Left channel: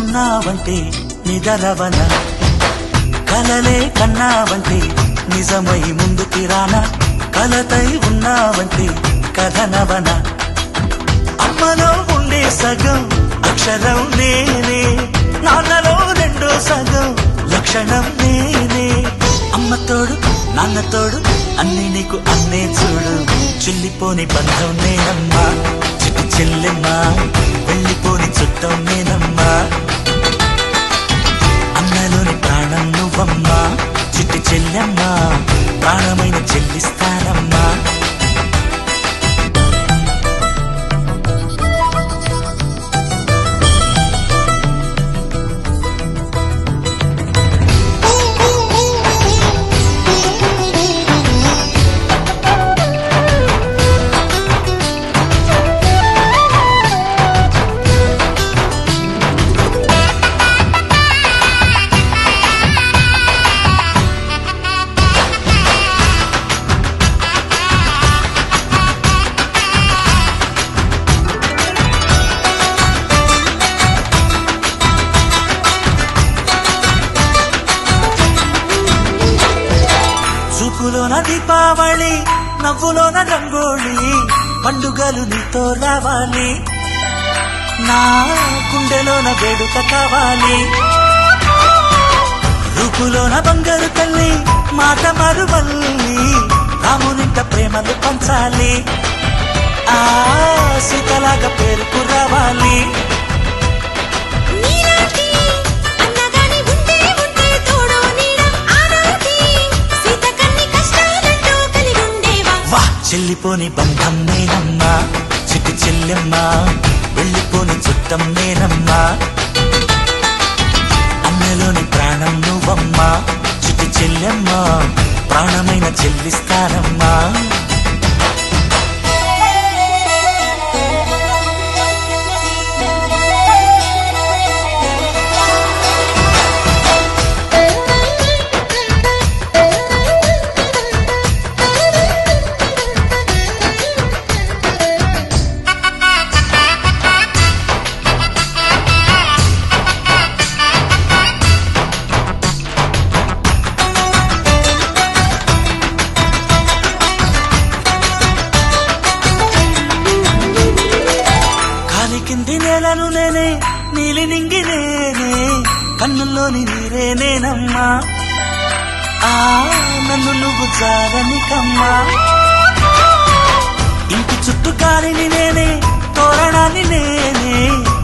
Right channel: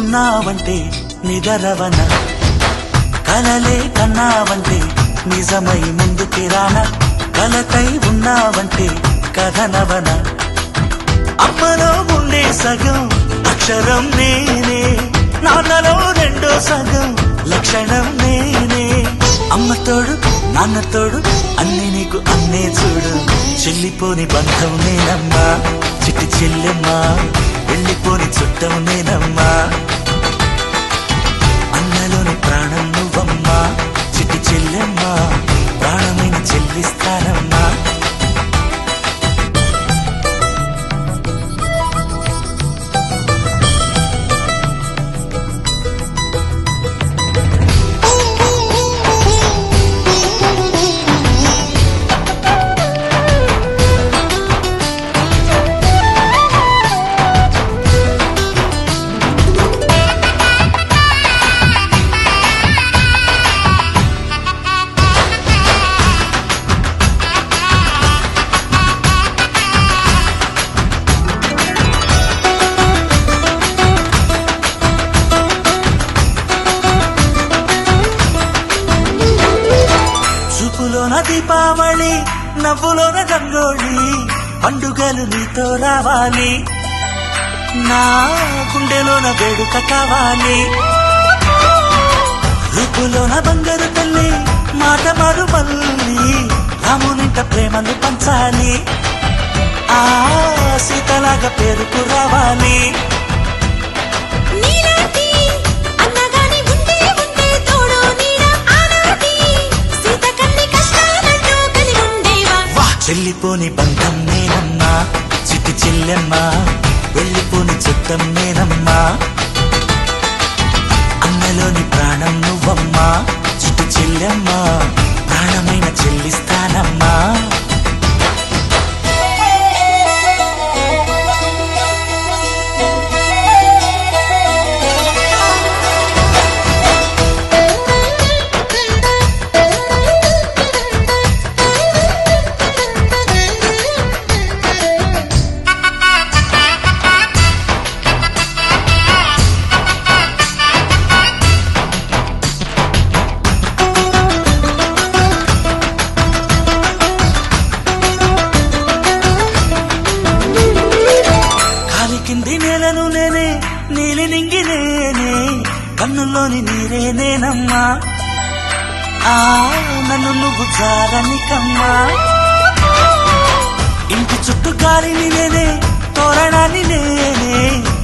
ఉన్నావంటే నిదరవన, కలలే కన్నావంటే నిజమై ముందుకి రానా, కలతై ఉన్నావంటే కథనవన. అమ్మలో ఉండే సగం అక్షరం నేనే, నాన్నలో రెండో సగం లక్షణం నేనే. అమ్మ తోడు నాన్న తోడు అన్ని నీకు అన్నే చూడు, చెల్లిపోని బంధం నేనమ్మా చిటి చెల్లెమ్మా, వెళ్ళిపోని చుట్టం నేనమ్మా. అన్నలోని ప్రాణం నువ్వమ్మా చిటి చెల్లెమ్మా, ప్రాణమైన చెల్లిస్తానమ్మా. చూపులోన దీపావళి, నవ్వులోన రంగోళి, పండుగలు నీతో రావాలి, నా గుండెలోన వేడుక కావాలి. రూపులోన బంగారు తల్లి, మాట పరువల్లి, రామునింట ప్రేమలు పంచాలి, ఆ సీతలాగా పేరుకు రావాలి. వెళ్ళిపోని బంధం నేనమ్మా చిట్టి చెల్లెమ్మా, వెళ్ళిపోని చుట్టం నేనమ్మా. అన్నలోని ప్రాణం నువ్వమ్మా చిట్టి చెల్లెమ్మా, ప్రాణమైన చెల్లిస్తానమ్మా. నేనను నేనే నీలి నింగి నేనే, కన్నుల్లోని నీరే నేనమ్మా, ఆ నన్ను నువ్వు చాలనికమ్మా. ఇంటి చుట్టూ కాలిని నేనే, తోరణాన్ని నేనే,